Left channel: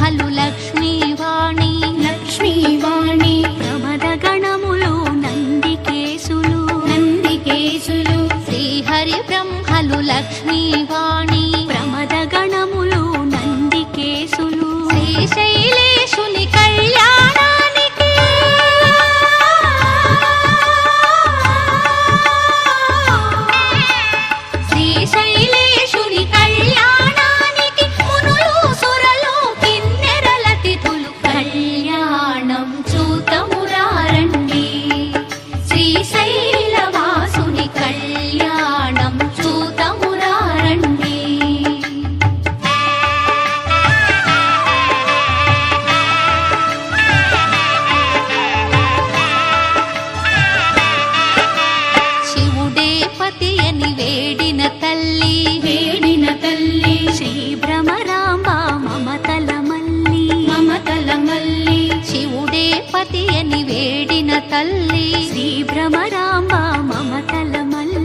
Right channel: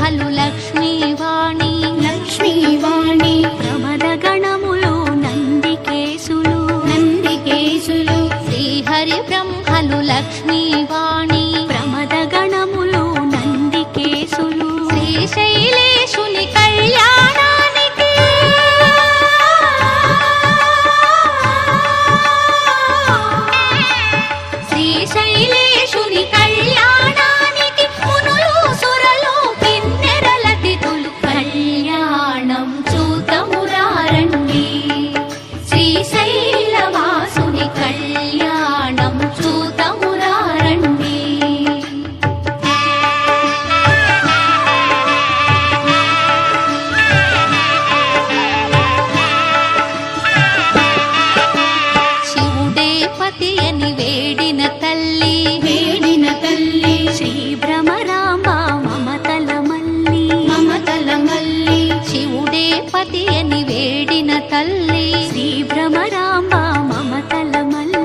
బ్రహ్మలు లక్ష్మీవాణి. లక్ష్మీవాణి. ప్రమద గణములు నందికేశులు. నందికేశులు. శ్రీహరి బ్రహ్మలు లక్ష్మీవాణి. ప్రమద గణములు నందికేశులు. శ్రీశైలేశుని కళ్యాణానికి తల్లి. శ్రీ భ్రమరాంబ మమతల మల్లి.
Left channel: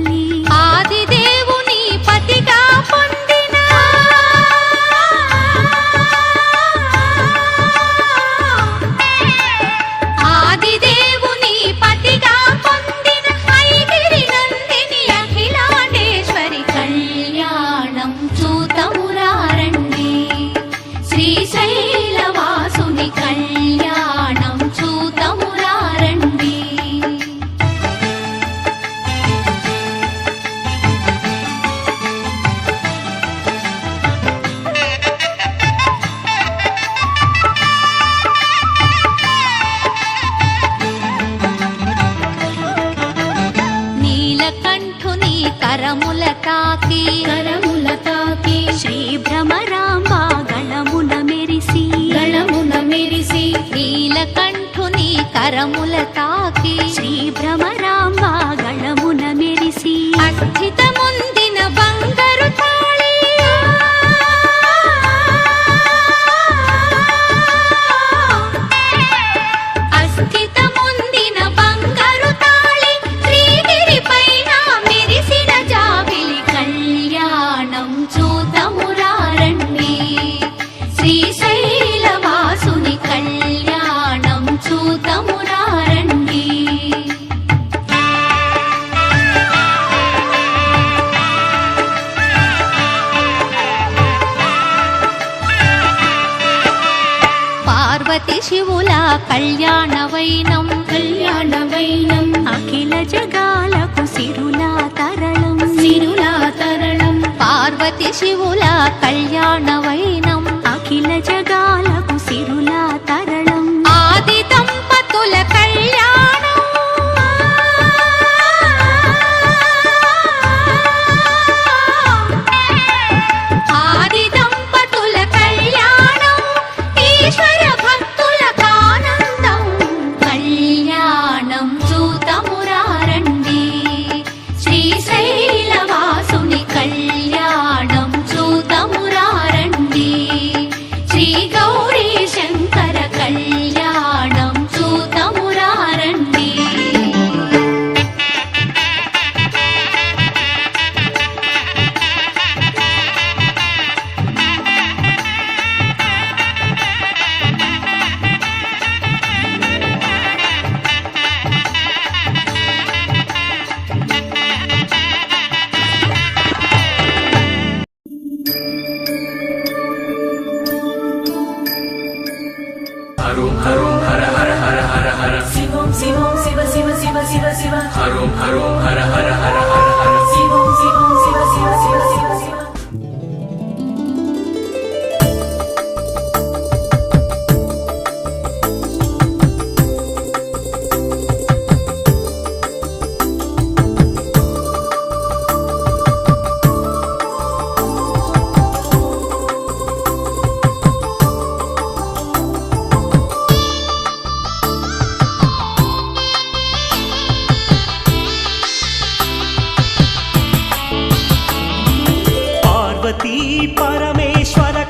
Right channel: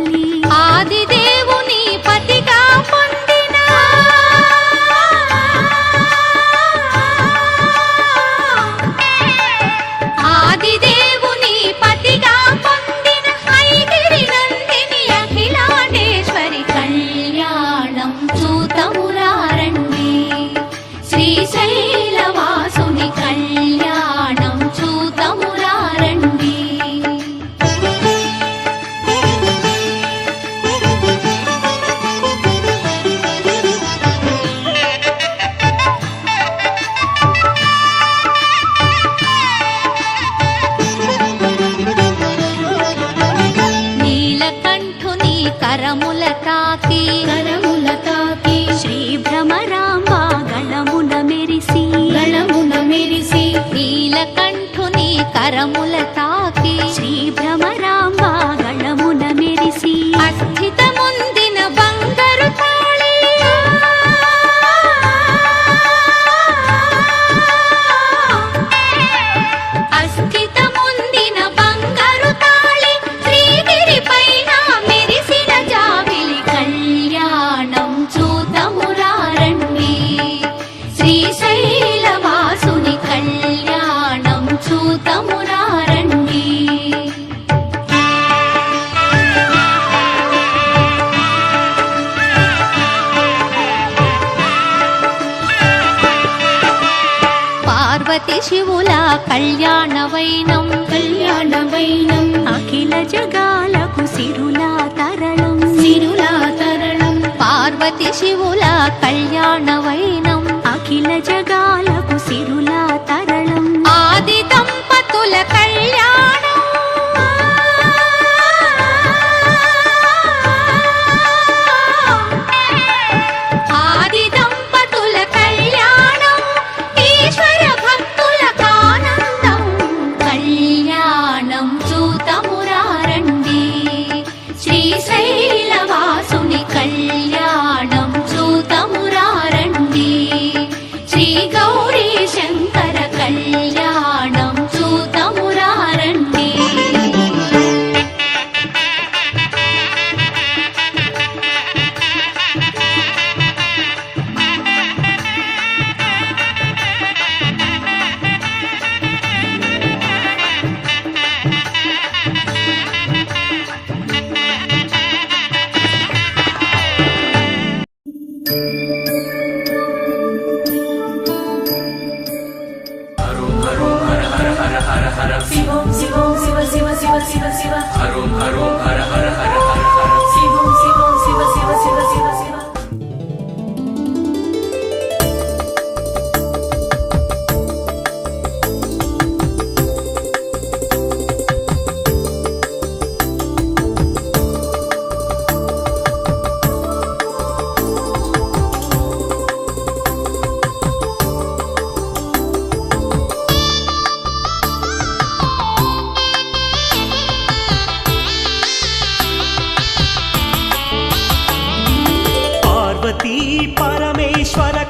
తాకి కరముల తాకి శ్రీ భ్రమరాంబ గళమున మెరిసి గళమున మెరిసి నీలకంఠుని కరముల తాకి శ్రీ భ్రమరాంబ గళమున మెరిసి అస్థితముందిన పార్వతి శివుల కళ్యాణ వైనం కళ్యాణ వైనం అఖిల జగాలకు సిరులా తరళం సిరులా తరళం పార్వతి శివుల కళ్యాణ వైనం అఖిల జగాలకు సిరులా తరళం ఆది దంపతుల కళ్యాణం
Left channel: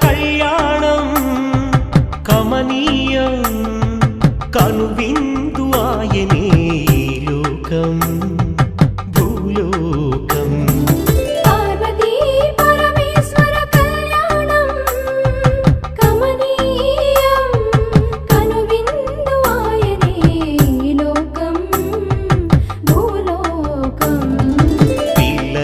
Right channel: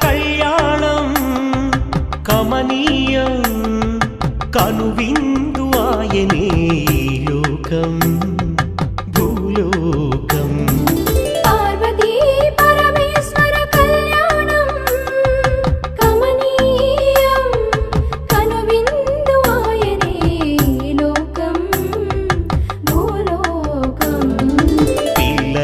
కళ్యాణం కమనీయం కనువిందు ఆయనే లోకం భూలోకం.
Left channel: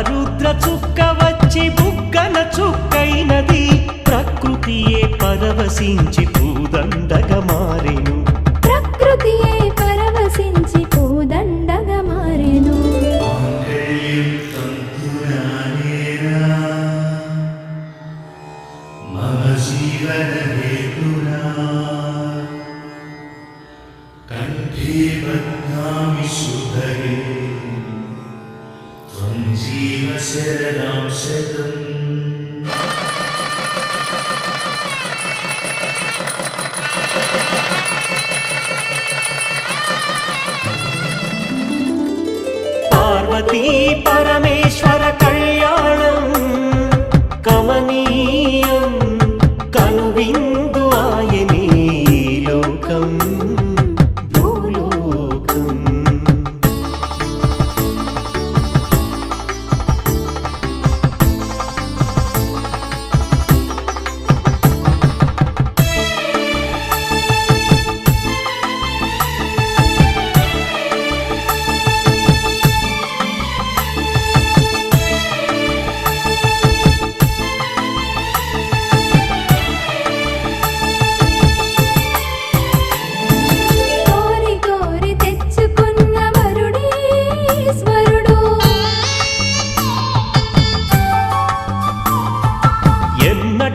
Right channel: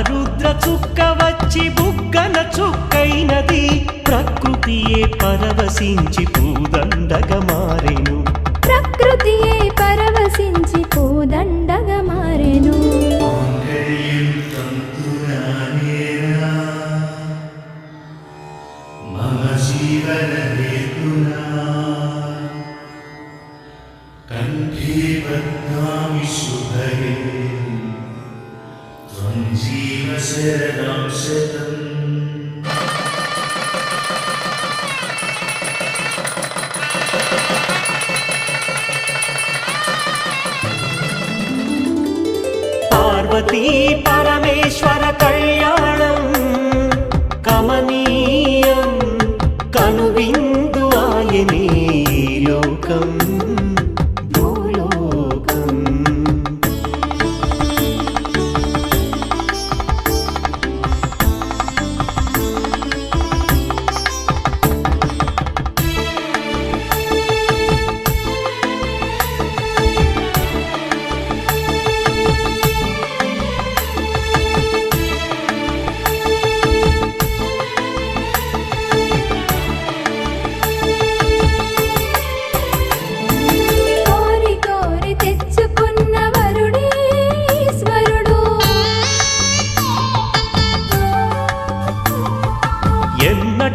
రుద్ర చుక్క వచ్చి బుగ్గల చుక్కైనది ప్రకృతియే పరవశించి పూదండగ మారెను. ప్రకృతియే పరవశించి పూదండగ మారెను. మన జీవన హేతునా? शरणं शतम् பார்வதி பரமேஸ்வர கல்யாணம் கமனீயம் கனுவிந்து ஆயனே லோகம்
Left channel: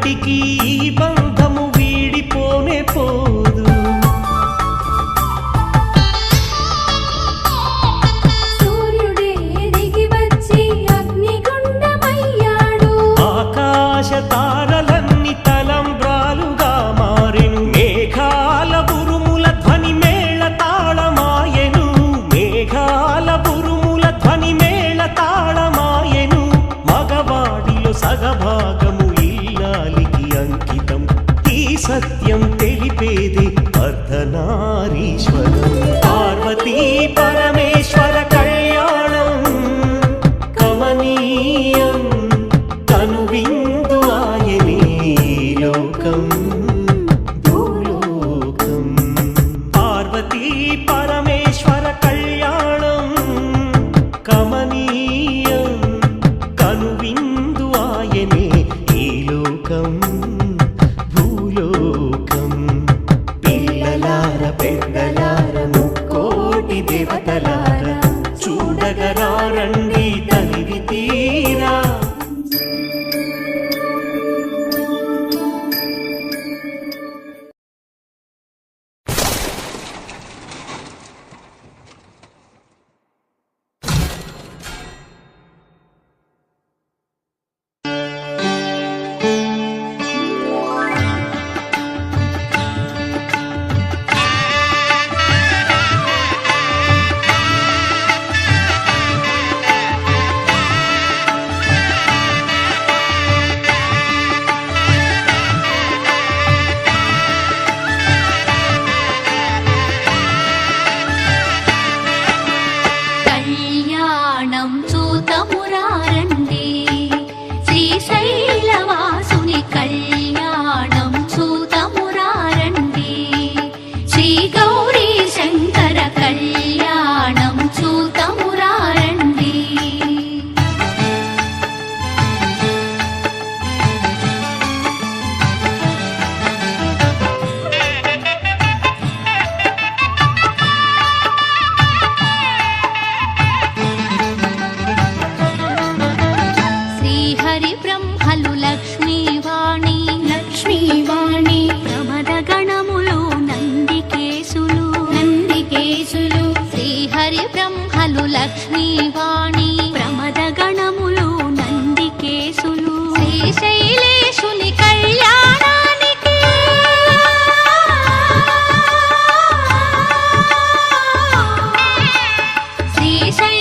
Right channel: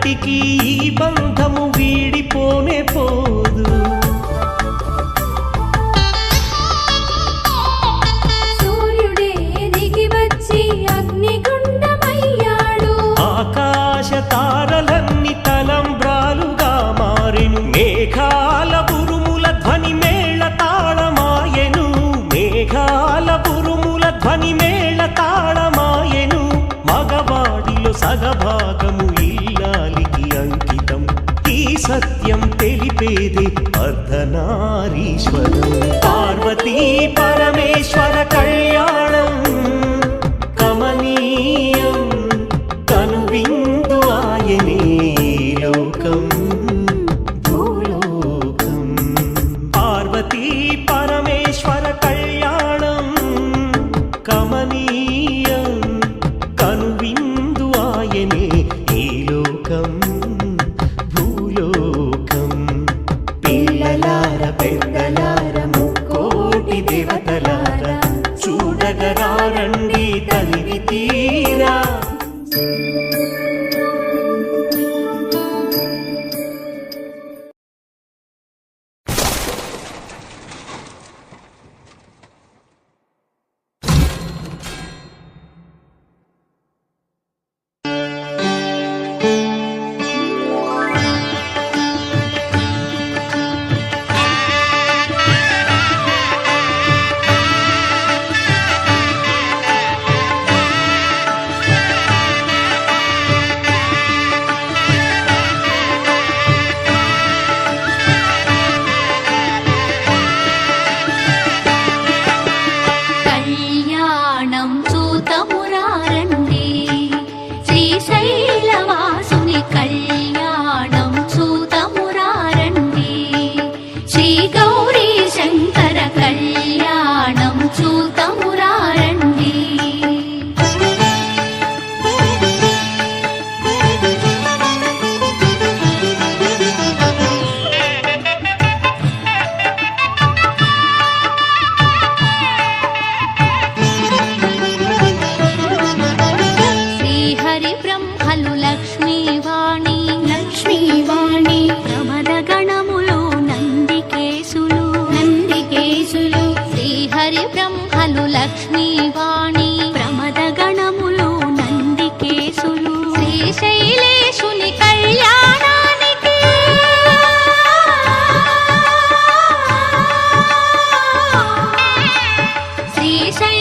నాటికి ఈ బంధము వీడిపోనే పోదు. ఆకాశ తారలన్ని తలంబ్రాలుగా మారెను. మేఘాల బురుముల ధ్వని మేళ తాళమాయెను. మేఘాల బురుముల ధ్వని మేళ తాళమాయెను. మగవాడిలో సగభాగము ఇల్లాలికి అంకితం. ఈ సత్యం తెలిపేదే అర్ధనారీశ్వరం. పార్వతీ పరమేశ్వర కళ్యాణం. కమనీయం కనువిందు ఆయనే లోకం భూలోకం. పార్వతీ పరమేశ్వర కళ్యాణం కమనీయం కనువిందు ఆయనే ఈ లోకం భూలోకం. పిల్లలార పెద్దలార ముక్కోటి దేవతలార చూడగరారండి తనివి తీరా.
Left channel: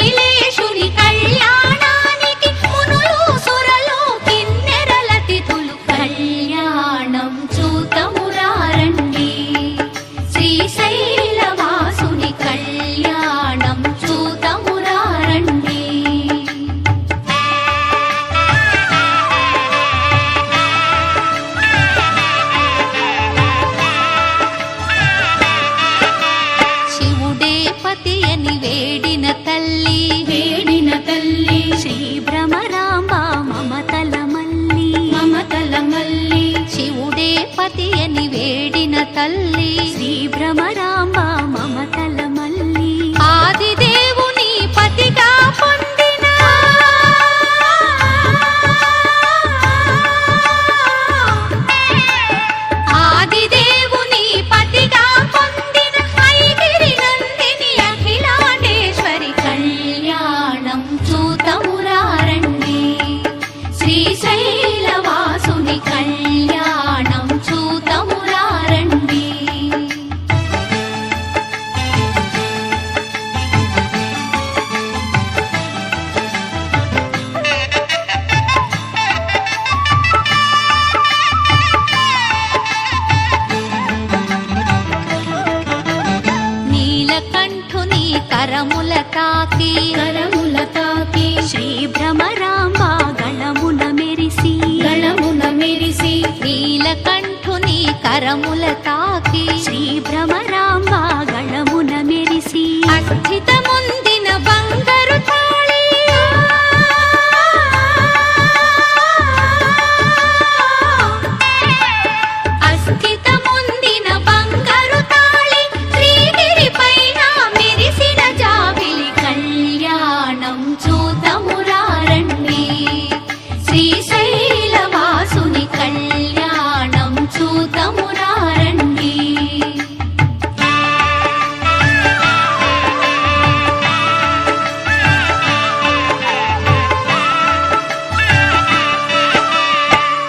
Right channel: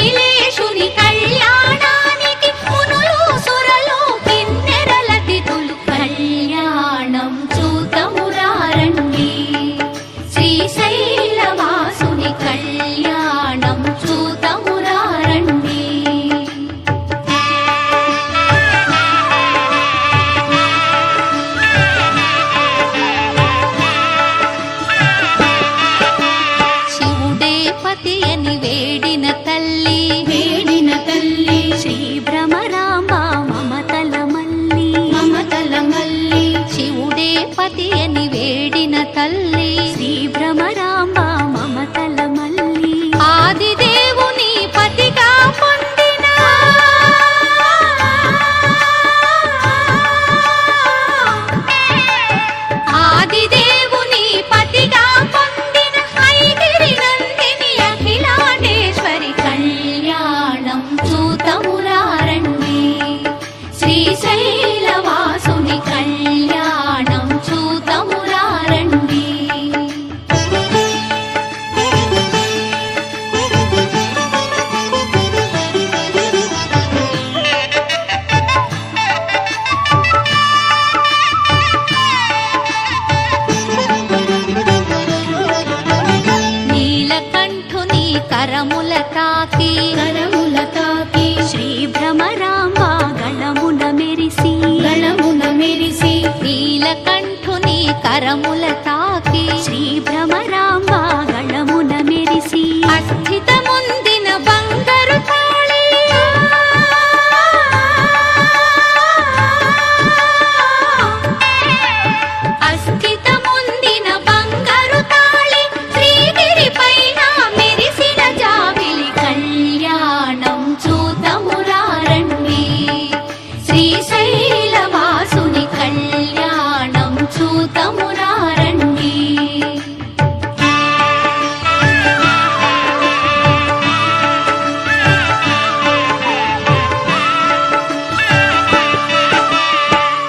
కైలేశుని కళ్యాణ శ్రీ భ్రమరాంబ మమతల మల్లి. మమతల మల్లి శివుడే పతి అని వేడిన తల్లి. శ్రీ భ్రమరాంబ మమతల మల్లి. ఆదిదేవుని శ్రీశైలవాసుని కళ్యాణ. మెరిసి నీలకంఠుని కరముల తాకి శ్రీ భ్రమరాంబ గళమున మెరిసి అస్థితముందిన బంగారు తా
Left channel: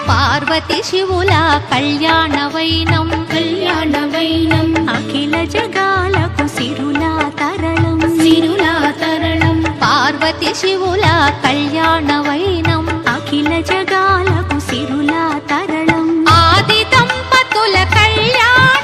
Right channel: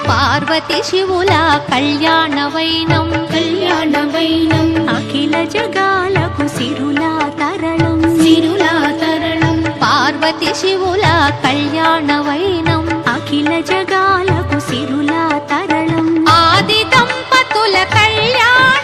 పార్వతి శివుల కళ్యాణ వైనం కళ్యాణ వైనం అఖిల జగాలకు సిరులా తరళం సిరులా తరణం. పార్వతి శివుల కళ్యాణ వైనం అఖిల జగాలకు సిరులా తరళం ఆది దంపతుల కళ్యాణం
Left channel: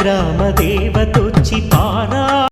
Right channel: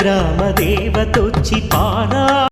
గ్రామ దేవతొచ్చి పారా